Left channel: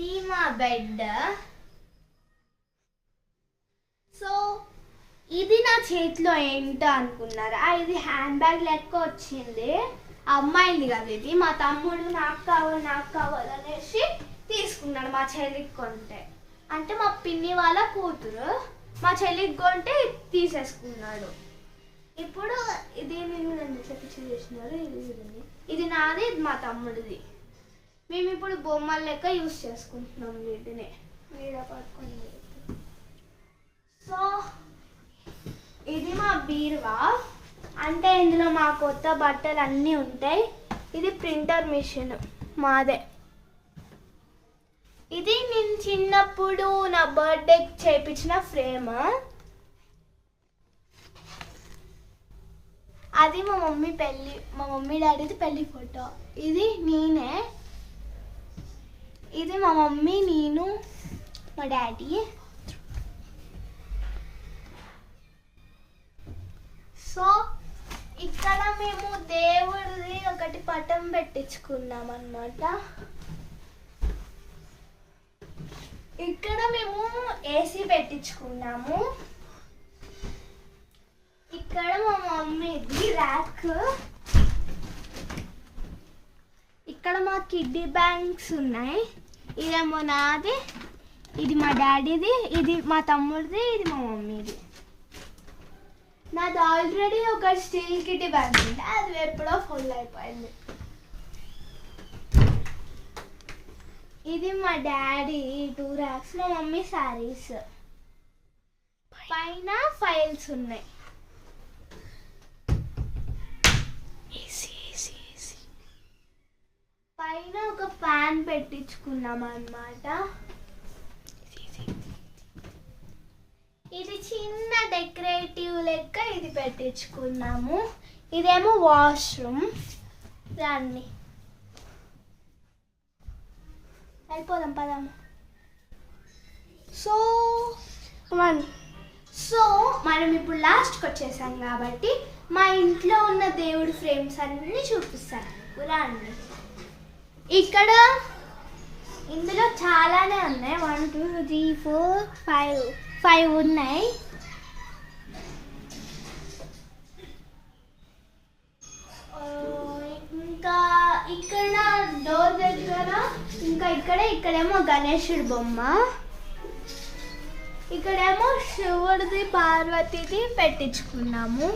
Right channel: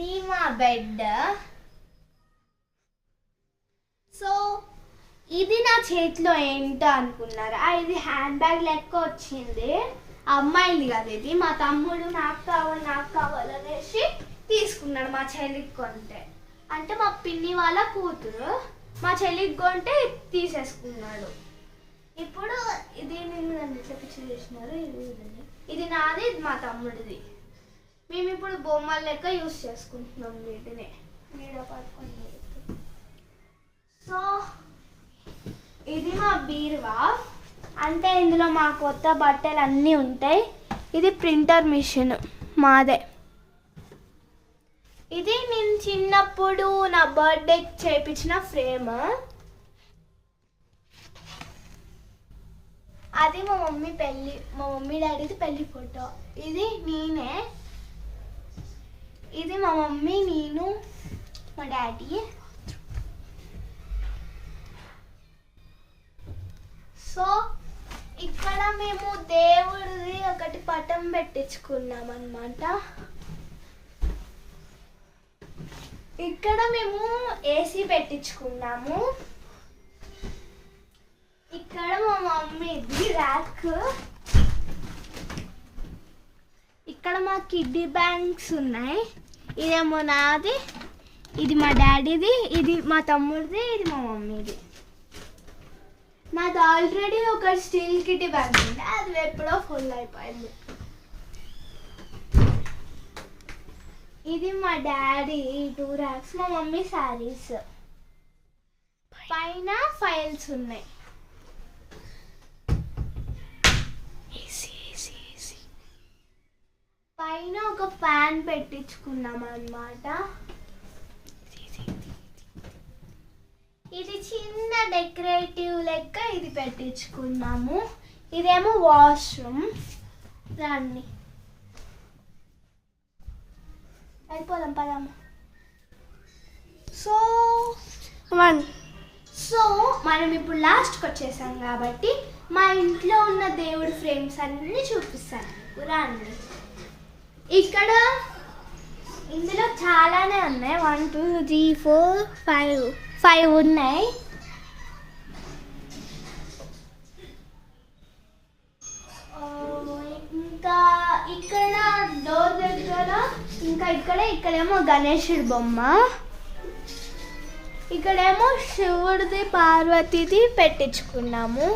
ఇది మా bed. So ఇది నా చేతిలో ఏంటో అనుకున్నారా? ఇది హ్యాండ్ బ్యాగ్ లెక్క వచ్చింది. అమ్మాయిది కదా ఇది. మా తమ్ముడు నాకు కావాలనేసి తీసుకున్నాడు మా చెల్లికి కొంటే. అంటే మా పిన్ని వాళ్ళ కూతురు మా చెల్లికి కొంటే తీసేసుకున్నాడు. ఇప్పుడు దీన్ని ఇట్లా పిచ్చి చేసినారు. ఇది నాది, ఇది మా తమ్ముడిది. మేము ఇప్పుడు బొమ్మల లెక్క యూజ్ చేసుకుంటున్నాం వీటిని. వీడ పట్టుకొని. సో ఇది మా బీరువా. అంటే ఇందులో మా కొత్త బట్టలు అన్నీ ఉంటాయి. ఇది ప్రింటర్ మిషన్ మాదే. ఇది నేను చిన్నప్పుడు నా బర్త్డేకి చేయించిన ఫ్రేమ్. అది మా మమ్మీ డాడీది పెళ్ళి ఫోటో. ఇది నేనే. ఇది మా మమ్మీ, నేను, మా డాడీ. సో ఇక్కడ మేము దేవుడిది ఒకటి పటం పెట్టించుకున్నాం అన్నమాట. ఇక్కడ మేము ఏసీ పెట్టించుకున్నాము. ఇక్కడ మా మమ్మీది ర్యాక్. ఇక్కడ మా కిడ్డీ బ్యాంక్స్ ఉన్నాయి. ఇదేమో నాది, ఇది మా డాడీది, ఇది మా తమ్ముడిది, ఇది మా మమ్మీది. నాది ఆల్రెడీ ఒక స్టీల్ కిడ్డీ బ్యాంక్ ఉంది, అది ఎప్పుడో ఫుల్ అయిపోయింది. ఇది మా డాడీ 2 ర్యాక్స్, మా మమ్మీ శారీస్. పైన ఫైల్స్ ఉన్నాయి. పైన ఒక ఫ్యాన్ పెట్టించుకున్నాం అన్నమాట. ఇది చిన్న డెకరేటివ్ లెక్క ఇది పెట్టించుకున్నాము. ఇదేమో వాష్రూమ్. దాన్ని అయిపోదాం పదాము. సో మనం ఇప్పుడు లాస్ట్కి వచ్చేసాం కాబట్టి మా ఇంట్లో ఉన్న దేవుడి ఫ్రేమ్స్ అన్నీ చూపిస్తాను. రండి. ఇక్కడ ఇందులో చాలానే ఉన్నాయి. 1 2 3 4 5 ఉన్నాయి. ఇంకా ఇక్కడ డోర్ దగ్గర ఇక్కడేమో గణేశుడి బొమ్మ, ఇక్కడేమో శివుడిది పార్వతిది పెట్టించుకున్నాము.